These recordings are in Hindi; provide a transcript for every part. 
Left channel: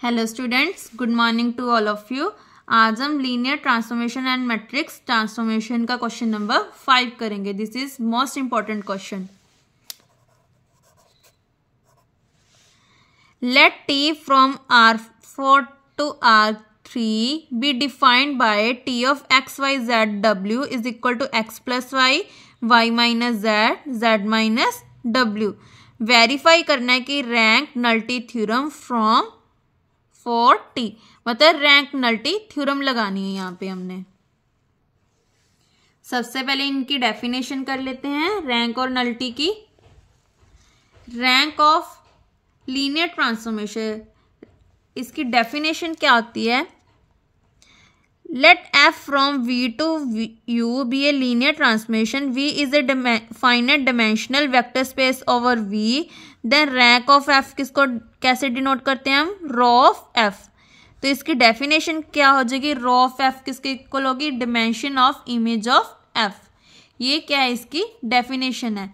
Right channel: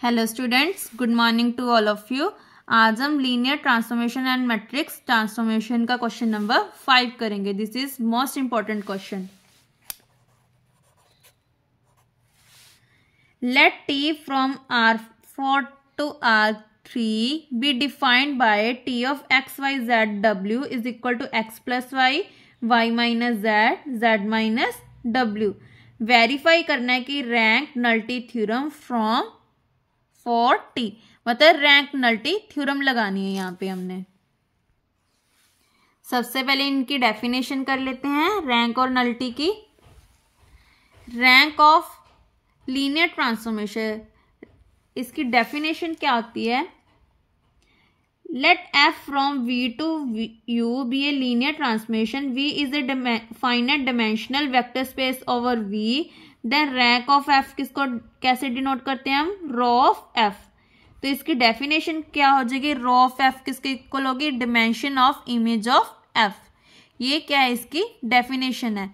Hello students, good morning to all of you. आज हम linear transformation and matrix transformation का क्वेश्चन नंबर 5 करेंगे। This is most important question. Let T from R4 to R3 be defined by T of x, y, z, w is equal to x plus y, y minus z, z minus w। Verify करना है कि रैंक नल्टी थ्योरम फ्रॉम 40, मतलब रैंक नल्टी थ्योरम लगानी है। यहाँ पे हमने सबसे पहले इनकी डेफिनेशन कर लेते हैं रैंक और नल्टी की। रैंक ऑफ लीनियर ट्रांसफॉर्मेशन, इसकी डेफिनेशन क्या होती है? Let f from v to u be a linear transformation. v is a finite dimensional vector space over v। Then rank of f किसको कैसे डिनोट करते हैं हम? Rho of f। तो इसकी डेफिनेशन क्या हो जाएगी? रॉ ऑफ f किसके इक्वल होगी? Dimension of image of f। ये क्या है? इसकी डेफिनेशन है।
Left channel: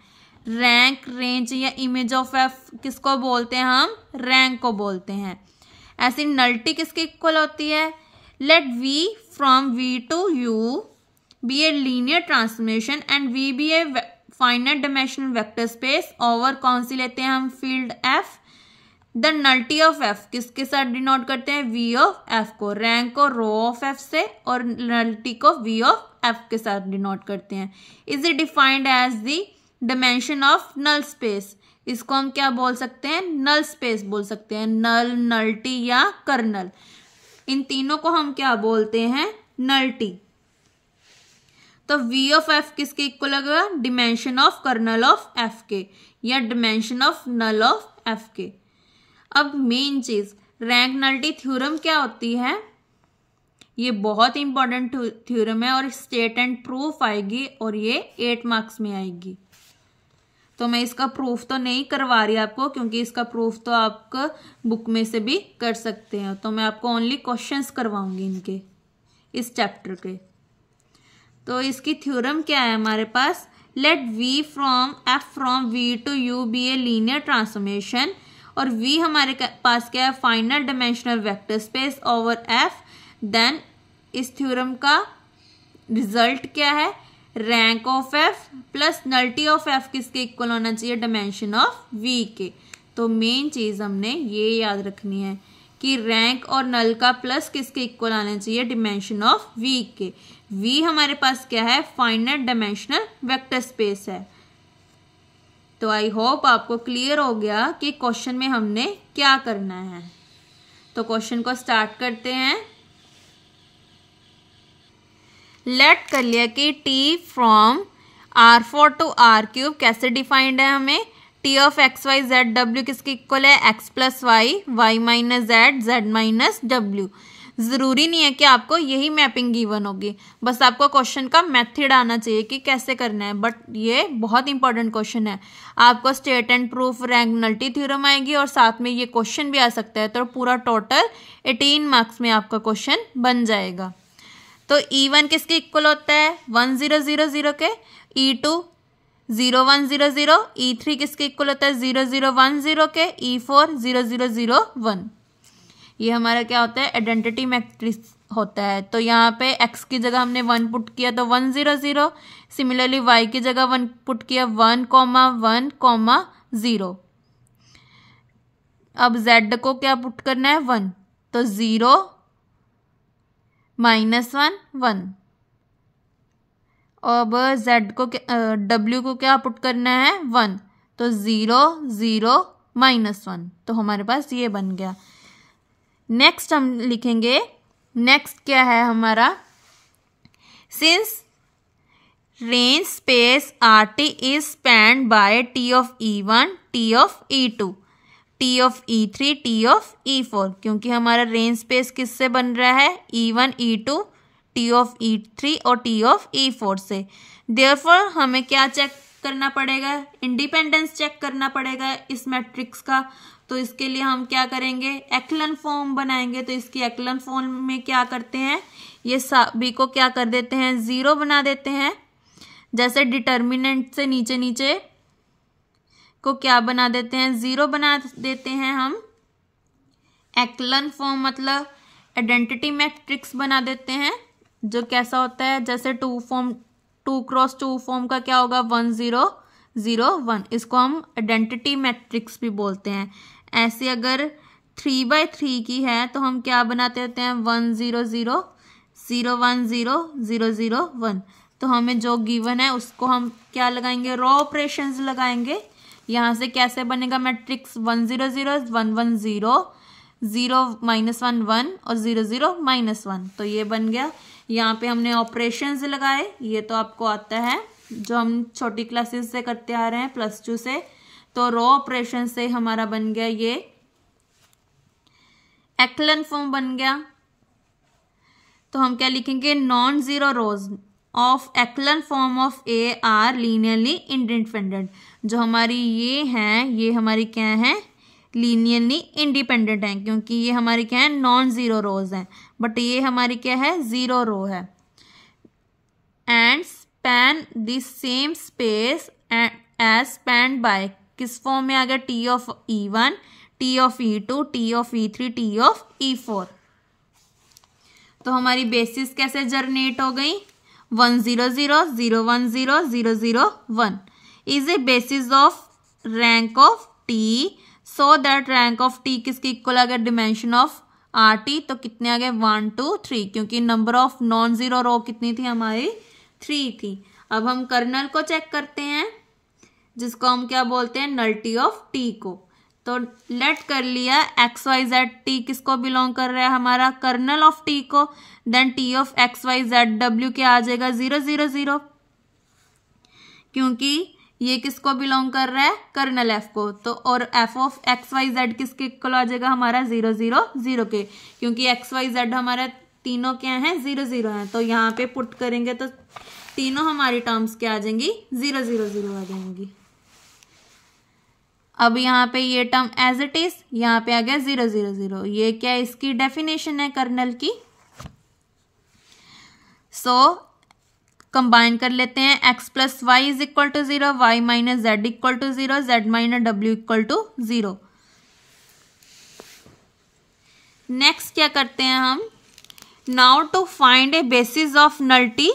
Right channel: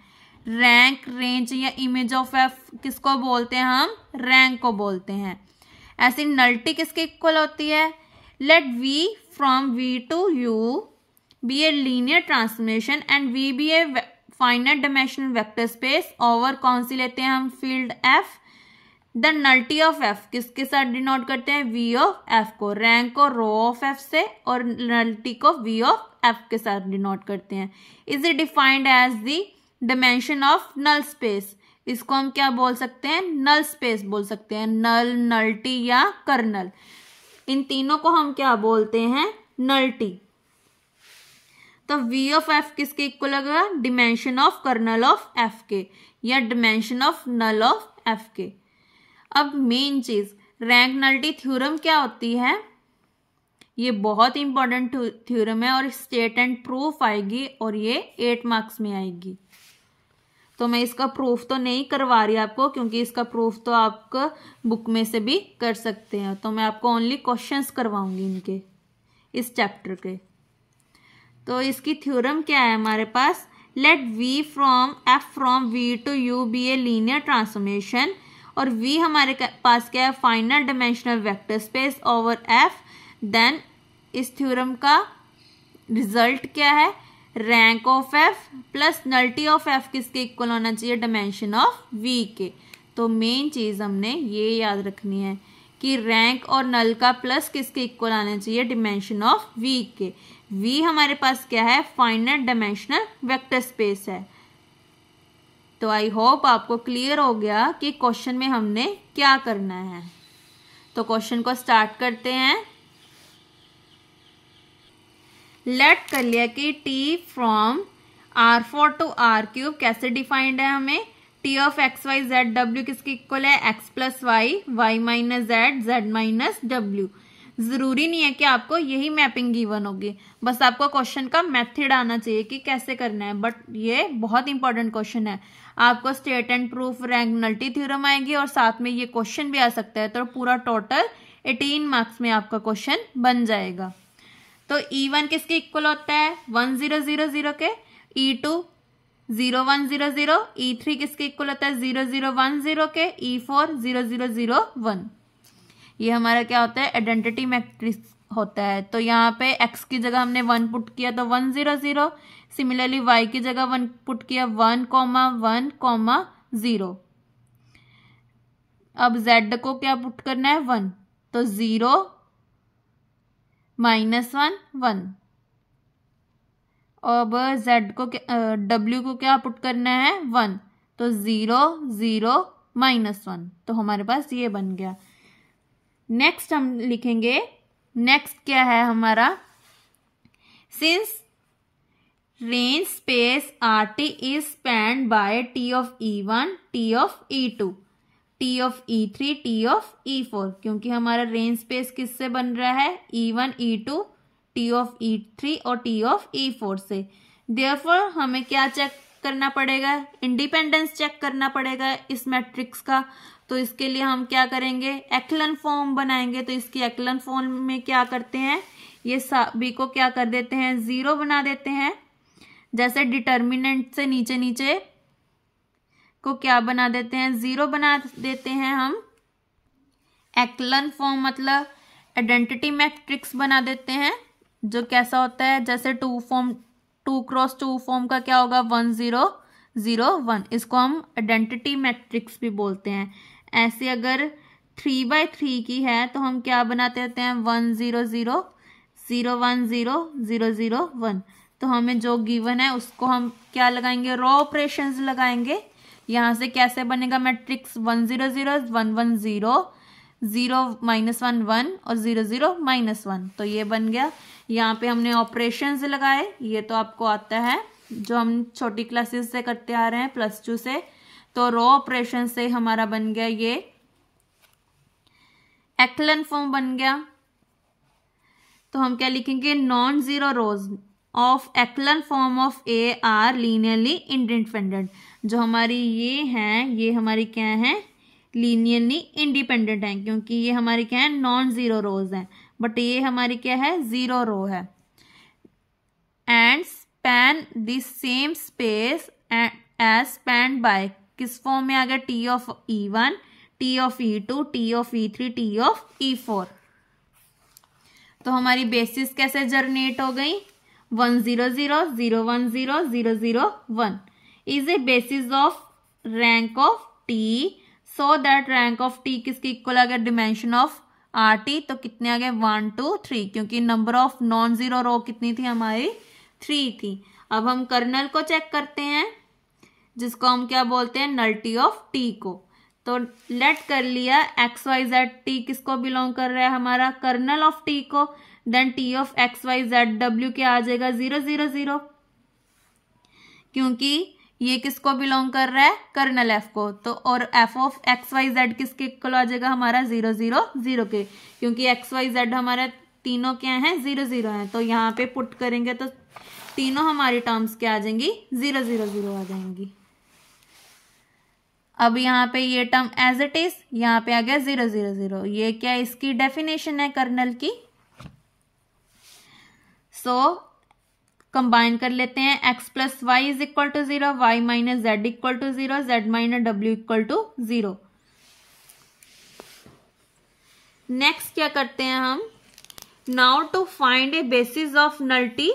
रैंक, रेंज या इमेज ऑफ f किसको बोलते हैं हम? रैंक को बोलते हैं। ऐसी नल्टी किसके इक्वल होती है? Let v from v to u be a linear transformation and v be a finite dimensional vector space over कौन सी लेते हैं हम? Field f। The nullity of f किसके साथ डिनोट करते हैं? v ऑफ f को। रैंक को रो ऑफ f से और नल्टी को v ऑफ f के साथ डिनोट करते हैं। Is it defined as the dimension of null space. इसको हम क्या बोल सकते हैं? नल स्पेस बोल सकते हैं। नल, नल्टी या कर्नल, इन तीनों को हम क्या बोलते हैं? नल्टी। तो v ऑफ f किसके इक्वल होगा? Dimension of kernel of f के या dimension of null of f के। अब मेन चीज, रैंक नल्टी थ्योरम क्या होती है? ये बहुत इंपॉर्टेंट थ्योरम है और स्टेट एंड प्रूफ आएगी और ये 8 मार्क्स में आएगी। तो मैं इसका प्रूफ तो नहीं करवा रही आपको, क्योंकि इसका प्रूफ तो आप बुक में से भी कर सकते हैं। तो मैं आपको ओनली क्वेश्चंस करवाऊंगी इनके, इस चैप्टर के। तो इसकी थ्योरम क्या है हमारे पास? Let v from f from v to u be a linear transformation. और v हमारे पास क्या है? Final dimensional vector space over f। Then इस थ्योरम का रिजल्ट क्या है? Rank of f plus nullity of f किसके इक्वल होना चाहिए? डायमेंशन ऑफ v के। तो मेन चीज हमने ये याद रखनी है कि रैंक और नल का प्लस किसके इक्वल आना चाहिए? डिमेंशन ऑफ v के। v हमारे पास क्या है? फाइनाइट डायमेंशनल वेक्टर स्पेस है। तो आई होप आपको क्लियर हो गया कि क्वेश्चन में हमने क्या करना है। तो क्वेश्चन को स्टार्ट करते हैं। लेट कर लिया कि t from R4 to R3 कैसे डिफाइंड है हमें? t of x y z डब्ल्यू किसके इक्वल है? x plus y, y minus z, z minus डब्ल्यू। जरूरी नहीं है कि आपको यही मैपिंग गिवन होगी, बस आपको क्वेश्चन का मेथड आना चाहिए कि कैसे करना है। बट ये बहुत इंपॉर्टेंट क्वेश्चन है। आपको state and proof, rank nullity theorem आएगी और साथ में ये क्वेश्चन भी आ सकता है। तो पूरा टोटल 18 मार्क्स में आपका क्वेश्चन बन जाएगा। तो E1 किसके इक्वल होता है? 1 0 0 0 के। E2 0 1 0 0। E3 किसके इक्वल होता है? 0 0 1 0 के। E4 0 0 0 1। ये हमारा क्या होता है? आइडेंटिटी मैट्रिक्स होता है। तो यहाँ पे x की जगह हमने 1 पुट किया तो 1 0 0। सिमिलरली y की जगह 1 पुट किया 1 1 0। अब z को क्या पुट करना है? 1। तो 0 -1 1। अब z को w को क्या पुट करना है? 1। तो 0 0 -1। तो हमारे पास ये बन गया। नेक्स्ट हम लिखेंगे, नेक्स्ट क्या है हमारा? Since range space RT is spanned by T of E1, T of E2, T of E3, T of E4। क्योंकि हमारा रेंज स्पेस किससे बन रहा है? E1, E2, T of E3 और T ऑफ E4 से। देयरफॉर हमें क्या चेक करना पड़ेगा? इंडिपेंडेंस चेक करना पड़ेगा इस मैट्रिक्स का। तो इसके लिए हम क्या करेंगे? एक्लन फॉर्म बनाएंगे। तो इसकी एक्लन फॉर्म में क्या करते हैं? ये सभी को क्या कर देते हैं? 0 बना देते हैं। जैसे डिटर्मिनेंट से नीचे नीचे को क्या बना देते हैं? 0 बना देते हैं हम। एक्लन फॉर्म मतलब आइडेंटिटी मैट्रिक्स बना देते हैं, जो कैसा होता है, जैसे 2x2 फॉर्म का क्या होगा, 1 0 0 1, इसको हम आइडेंटिटी मैट्रिक्स भी बोलते हैं। ऐसे अगर 3x3 की है तो हम क्या बनाते रहते हैं, 1 0 0 0 1 0 0 0 1। तो हमें जो गिवन है उसको हम क्या लगाएंगे, रॉ ऑपरेशंस लगाएंगे। यहाँ से कैसे बनेगा मैट्रिक्स, 1 0 0 1 1 0 0 -1 1 और 0 0 -1, तो ये बन गया। यहाँ पे हमने ऑपरेशंस लगाए, ये तो आपको आता है जो हम छोटी क्लासेस से करते आ रहे हैं +2 से। तो रॉ ऑपरेशन से हमारा बन गया ये एक्लन फॉर्म बन गया। तो हम क्या लिखेंगे, non zero rose of एक्लन form of A R linearly independent. जो हमारी ये हैं, ये हमारी क्या है, लीनियरली इंडिपेंडेंट है, क्योंकि ये हमारी क्या है, नॉन जीरो रोज है, बट ये हमारी क्या है, जीरो रो है। And span this same space as span by, किस फॉर्म में आ गया, T of E1 T of E2 T of E3 T of E4। तो हमारी बेसिस कैसे जनरेट हो गई, 1 0 0 0 1 0 0 0 1 is a basis of rank of T, so that rank of T किसकी इक्वल आ गया, डिमेंशन ऑफ RT। तो कितने आ गए, 1 2 3, क्योंकि नंबर ऑफ नॉन जीरो रो कितनी थी हमारी, 3 थी। अब हम कर्नल को चेक करते हैं, जिसको हम क्या बोलते हैं, नल्टी ऑफ टी को। तो लेट कर लिया XYZ टी किसको बिलोंग कर रहा है, हमारा कर्नल ऑफ टी को। Then T of XYZ W क्या आ जाएगा, 0 0 0, क्योंकि ये किसको बिलोंग कर रहा है, कर्नल F को। तो और F ऑफ XYZ किसके इक्वल आ जाएगा, हमारा 0 0 0 के, क्योंकि XYZ हमारे तीनों क्या हैं, 0 0 हैं। तो यहाँ पे पुट करेंगे तो तीनों हमारी टर्म्स क्या आ जाएंगी, 0 0 0 आ जाएंगी। अब यहाँ पे ये टर्म एज इट इज, यहाँ पे आ गया 0 0 0। ये क्या, इसकी डेफिनेशन है कर्नल की। सो कंबाइन कर लेते हैं, x + y = 0, y - z = 0, z - w = 0। Next क्या करते हैं हम, now to find a basis of nullity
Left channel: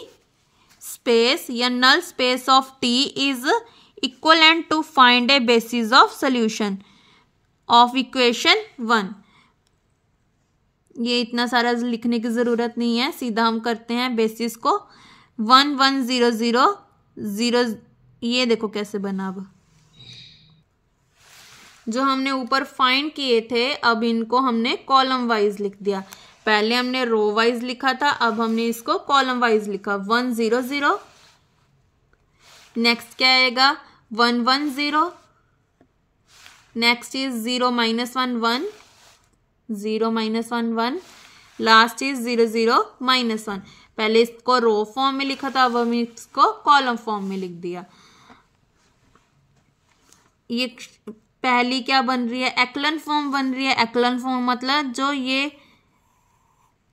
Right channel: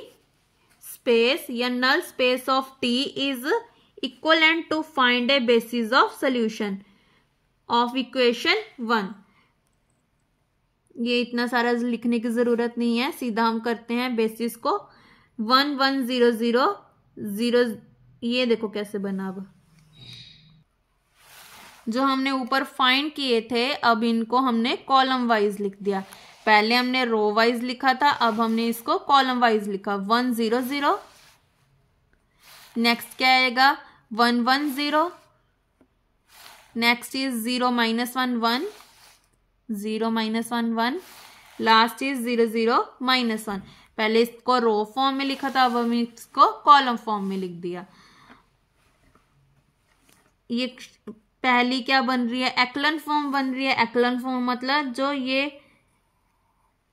space या null space of T is equivalent to find a basis of solution of equation 1। ये इतना सारा लिखने की जरूरत नहीं है, सीधा हम करते हैं बेसिस को 1 1 0 0 0। ये देखो कैसे बना, अब जो हमने ऊपर फाइंड किए थे अब इनको हमने कॉलम वाइज लिख दिया। पहले हमने रो वाइज लिखा था, अब हमने इसको कॉलम वाइज लिखा, 1 0 0। नेक्स्ट क्या आएगा, 1 1 0। Next is 0 -1 1, 0 -1 1। Last is 0 0 -1। पहले इसको रो फॉर्म में लिखा था, अब हम इसको कॉलम फॉर्म में लिख दिया। ये पहली क्या बन रही है, एक्लन फॉर्म बन रही है। एक्लन फॉर्म मतलब जो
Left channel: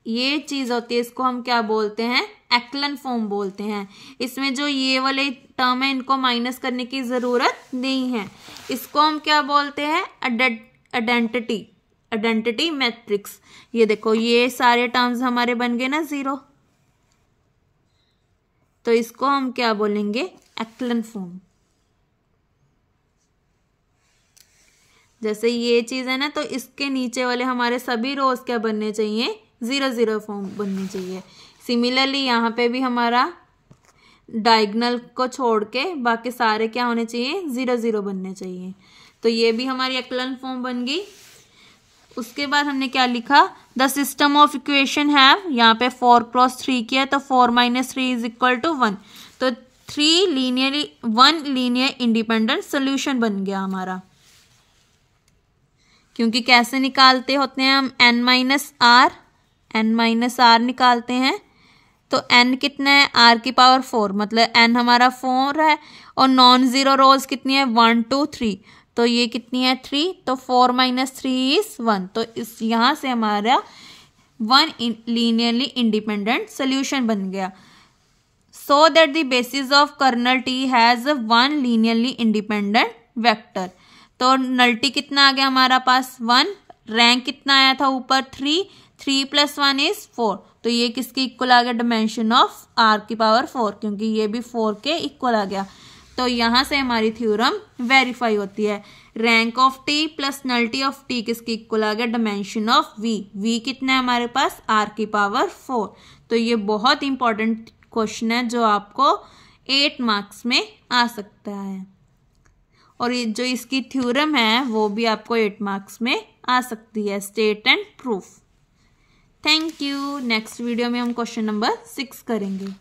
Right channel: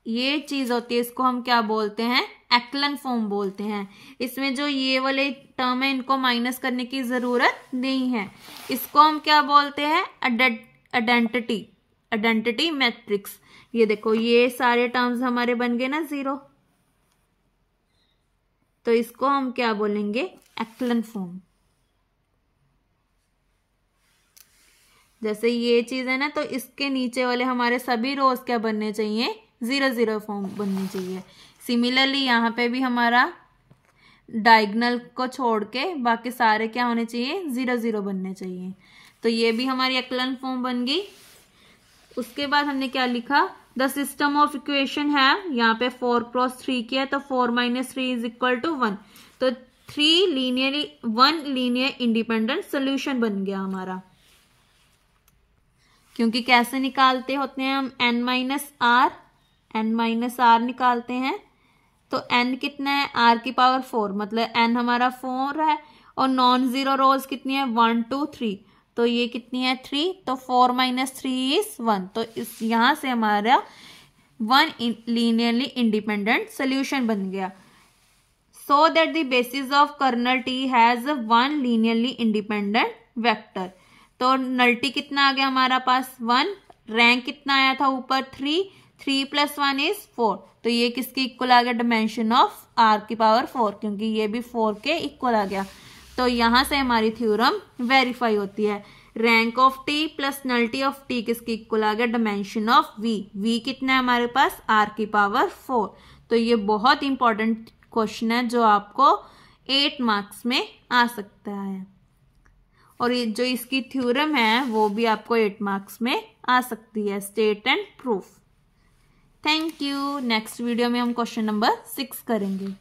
ये चीज होती है, इसको हम क्या बोलते हैं, एक्लन फॉर्म बोलते हैं। इसमें जो ये वाले टर्म है इनको माइनस करने की जरूरत नहीं है। इसको हम क्या बोलते हैं, आइडेंटिटी मैट्रिक्स। ये देखो ये सारे टर्म्स हमारे बन गए ना 0, तो इसको हम क्या बोलेंगे, एक्लन फॉर्म। जैसे ये चीज है ना, तो इसके नीचे वाले हमारे सभी रोज क्या बनने चाहिए, 0 0 फॉर्म बननी चाहिए। सिमिलरली यहाँ पे भी हमारा डायगोनल को छोड़ के बाकी सारे क्या होने चाहिए, 0 0 बनने चाहिए। तो ये भी हमारी एक्लन फॉर्म बन गई। उसके बाद हमने क्या लिखा, the system of equation have, यहाँ पे 4 × 3 किया तो 4 - 3 = 1। तो 1 लीनियर इंडिपेंडेंट सोल्यूशन बन गया हमारा। क्योंकि कैसे निकालते होते हैं हम, n - r निकालते हैं। तो n कितना है, r की पावर 4, मतलब n हमारा 4 है। और नॉन जीरो रोज कितनी है, 1 2 3, तो ये कितनी है 3, तो 4 - 3 = 1। तो इस यहाँ से हमारा 1 लीनियरली इंडिपेंडेंट सोल्यूशन बन गया। So that the basis of kernel T has 1 linearly independent vector. तो नल T कितना आ गया हमारा पास, 1, रैंक कितना आया था ऊपर 3, 3 + 1 = 4, तो ये किसके इक्वल आ गया, डायमेंशन ऑफ r⁴, क्योंकि ये भी 4 के इक्वल आ गया। तो यहाँ से हमारी थ्योरम वेरीफाई होती है। Rank of t plus nullity of t किसके इक्वल आ गया, डायमेंशन ऑफ v कितना है हमारे पास, r⁴। तो ये बहुत इंपॉर्टेंट क्वेश्चन है जो आपको 8 मार्क्स में आ सकता है, और ये जो इसकी थ्योरम है वो भी आपको 8 मार्क्स में आ सकती है, state and proof. Thank you. Next video में हम क्वेश्चन नंबर 6 करेंगे।